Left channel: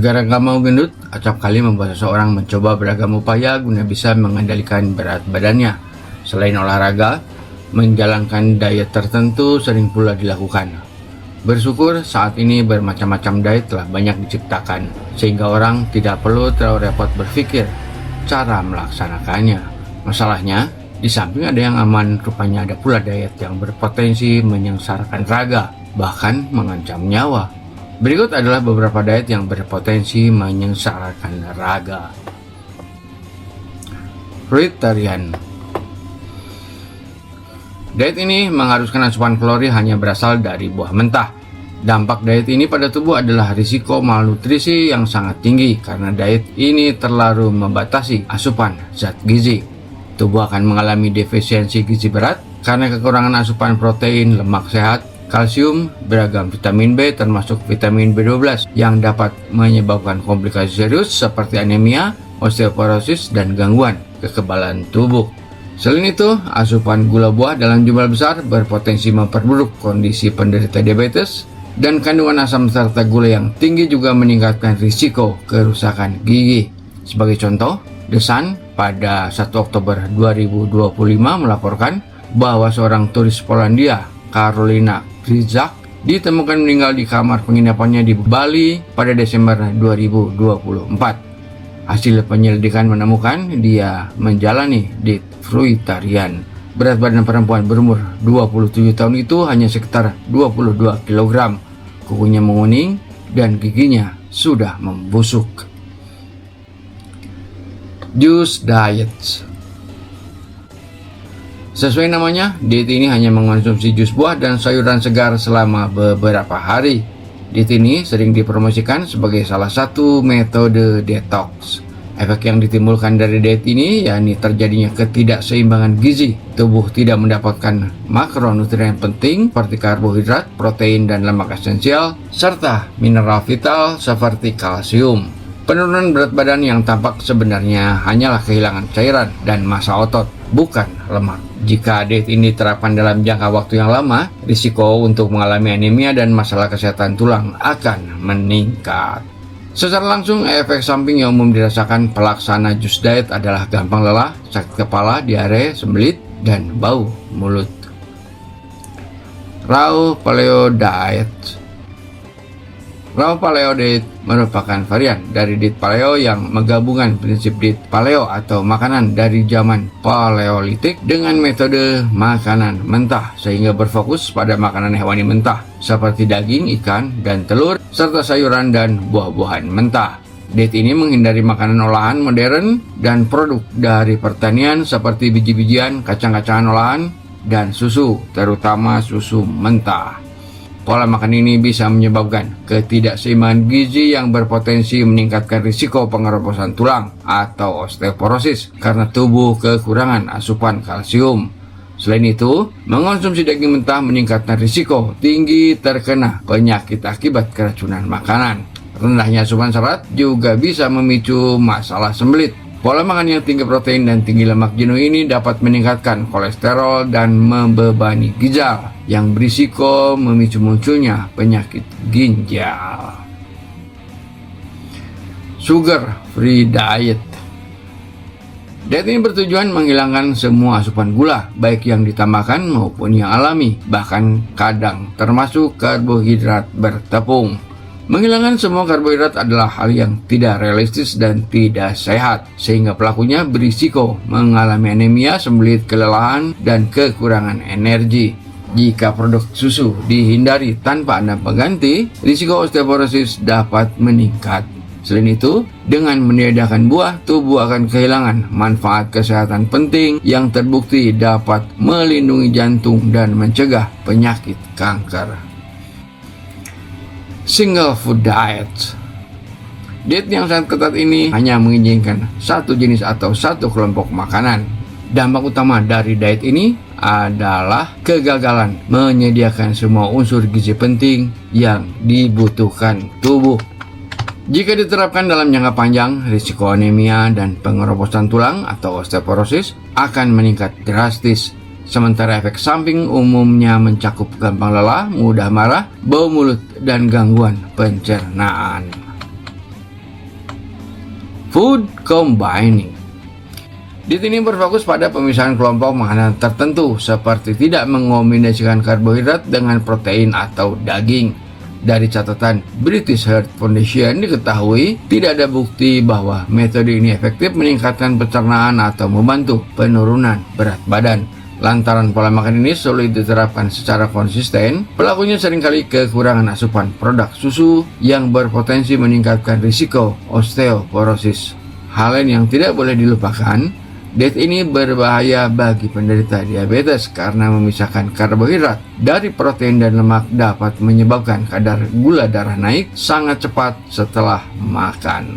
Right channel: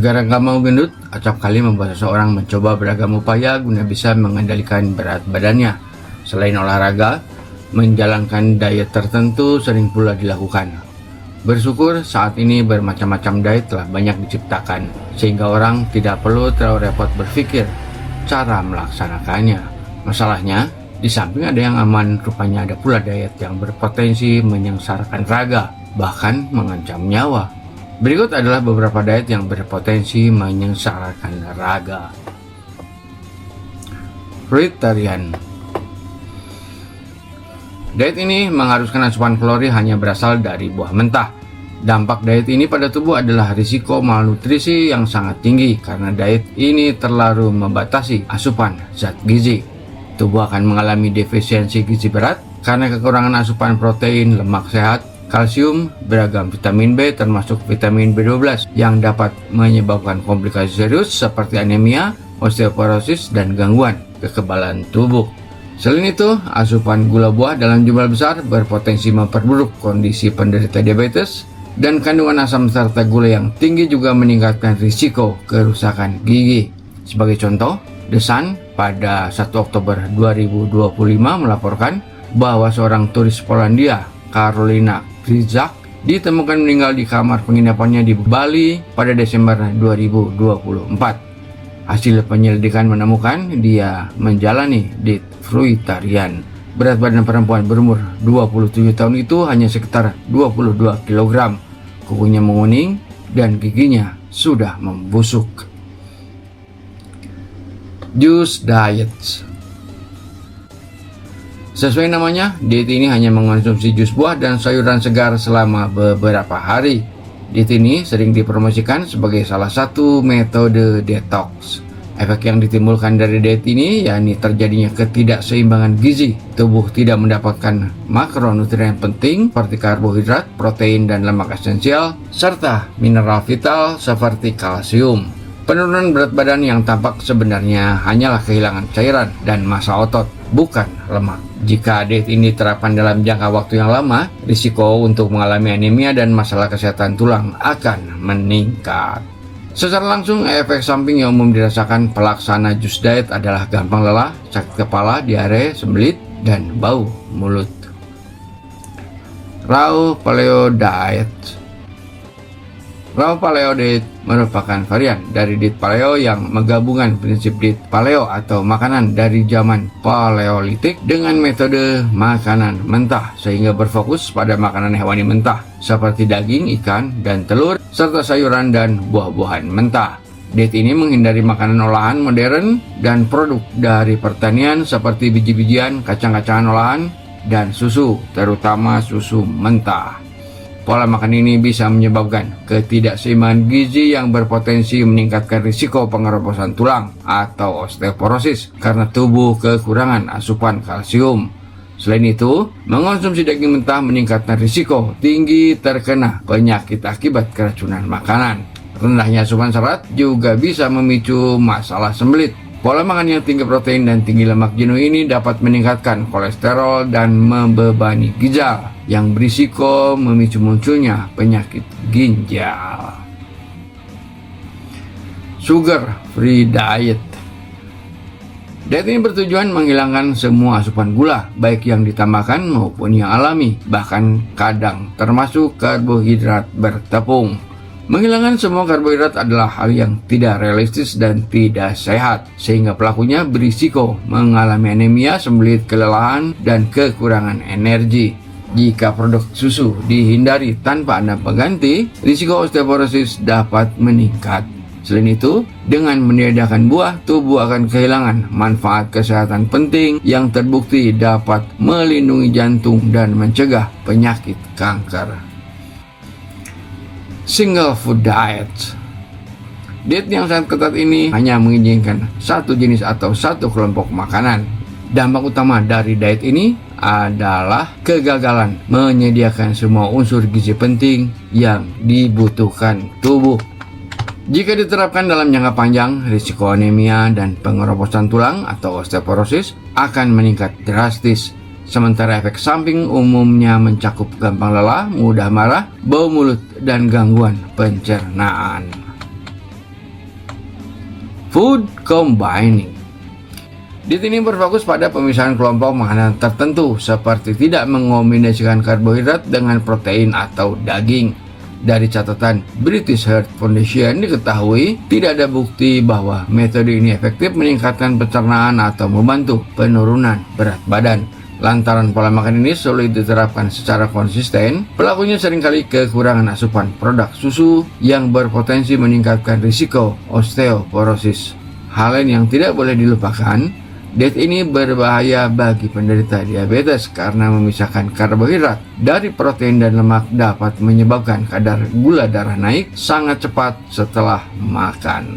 Gara-gara gak mau gendut, acap kali membuat seseorang mencoba beragam upaya guna bisa mengendalikan berat badannya. Selain olahraga, menjalankan diet tertentu sering pula dilakukan. Bersyukur saat ini bermacam-macam diet telah banyak diciptakan, sehingga orang tidak perlu terlalu repot berpikir cara melaksanakannya. Masalahnya, di samping ada yang aman, rupanya ada pula diet yang berpotensi menyengsarakan raga, bahkan mengancam nyawa. Berikut adalah beberapa diet yang berpotensi menyengsarakan raga. Fruitarian. Diet ini mengharuskan asupan kalori hanya berasal dari buah mentah. Dampak diet ini pada tubuh adalah risiko malnutrisi yang sangat tinggi karena diet ini terlalu membatasi asupan zat gizi. Tubuh akan mengalami defisiensi gizi berat karena kekurangan asupan protein, lemak sehat, kalsium, beragam vitamin B termasuk vitamin B12 yang dapat menyebabkan komplikasi serius seperti anemia, osteoporosis, dan gangguan kekebalan tubuh. Selain itu, asupan gula buah dalam jumlah besar berpotensi memperburuk kondisi penderita diabetes, dan kandungan asam serta gula yang tinggi juga meningkatkan risiko kerusakan gigi. Sebagai contoh, The Sun pada 1 Oktober 2025 melaporkan bahwa seorang turis Polandia, Karolina Kryzak, ditemukan meninggal di kamar penginapannya di Bali pada Desember 2024. Hasil penyelidikan menemukan dia menjalani diet fruitarian. Berat badan perempuan berumur 27 tahun itu hanya sekitar 22 kg. Kukunya menguning dan giginya sudah membusuk. Juice diet. Sesuai namanya, diet ini hanya mengonsumsi jus buah dan sayuran segar selama beberapa hari. Diet ini sering dipromosikan sebagai salah satu metode detox. Efek yang ditimbulkan dari diet ini yakni terjadinya ketidakseimbangan gizi. Tubuh tidak mendapatkan makronutrien penting seperti karbohidrat, protein, dan lemak esensial, serta mineral vital seperti kalsium. Penurunan berat badan yang tampak sebenarnya hanyalah kehilangan cairan dan massa otot, bukan lemak. Jika diet ini diterapkan dalam jangka waktu yang lama, risiko untuk mengalami anemia dan masalah kesehatan tulang akan meningkat. Secara langsung, efek samping yang umum dirasakan pelaksana juice diet adalah gampang lelah, sakit kepala, diare, sembelit, dan bau mulut. Raw Paleo Diet. Raw Paleo Diet merupakan varian dari diet paleo yang menggabungkan prinsip diet paleo atau makanan dari zaman paleolitik dengan metode makanan mentah, sehingga berfokus pada makanan hewani mentah seperti daging, ikan, dan telur, serta sayuran dan buah-buahan mentah. Diet ini menghindari makanan olahan modern dan produk dari pertanian seperti biji-bijian, kacang-kacangan olahan, dan susu, terutama susu mentah. Pola makan ini bisa menyebabkan ketidakseimbangan gizi yang berpotensi meningkatkan risiko pengeroposan tulang atau osteoporosis karena tubuh kekurangan asupan kalsium. Selain itu, mengonsumsi daging mentah meningkatkan risiko tinggi terkena penyakit akibat keracunan makanan. Rendahnya asupan serat juga bisa memicu masalah sembelit. Pola makan yang tinggi protein dan tinggi lemak jenuh ini dapat meningkatkan kolesterol dan membebani ginjal, yang berisiko memicu munculnya penyakit ginjal. Sugar Free Diet. Diet ini bertujuan menghilangkan semua asupan gula, baik yang ditambahkan maupun yang alami, bahkan kadang termasuk karbohidrat bertepung. Menghilangkan semua karbohidrat adalah hal yang tidak realistis dan tidak sehat, sehingga pelakunya berisiko mengalami anemia, sembelit, kelelahan, dan kekurangan energi. Jika produk susu dihindari tanpa ada pengganti, risiko osteoporosis dapat meningkat. Selain itu, dengan meniadakan buah, tubuh akan kehilangan manfaat kesehatan penting yang terbukti dapat melindungi jantung dan mencegah penyakit kanker. Single Food Diet. Diet yang sangat ketat ini hanya mengizinkan satu jenis atau satu kelompok makanan. Dampak utama dari diet ini adalah kegagalan menyediakan semua unsur gizi penting yang dibutuhkan tubuh. Jika diterapkan dalam jangka panjang, risiko anemia dan pengeroposan tulang atau osteoporosis akan meningkat drastis. Sementara efek samping umumnya mencakup gampang lelah, mudah marah, bau mulut, dan gangguan pencernaan. Food combining. Diet ini berfokus pada pemisahan kelompok makanan tertentu seperti tidak mengombinasikan karbohidrat dengan protein atau daging. Dari catatan British Heart Foundation diketahui tidak ada bukti bahwa metode ini efektif meningkatkan pencernaan atau membantu penurunan berat badan. Lantaran pola makan ini sulit diterapkan secara konsisten, pelakunya seringkali kekurangan asupan produk susu yang berpotensi meningkatkan risiko osteoporosis. Hal yang tidak boleh dilupakan, diet ini berbahaya bagi penderita diabetes karena memisahkan karbohidrat dari protein dan lemak dapat menyebabkan kadar gula darah naik sangat cepat setelah makan.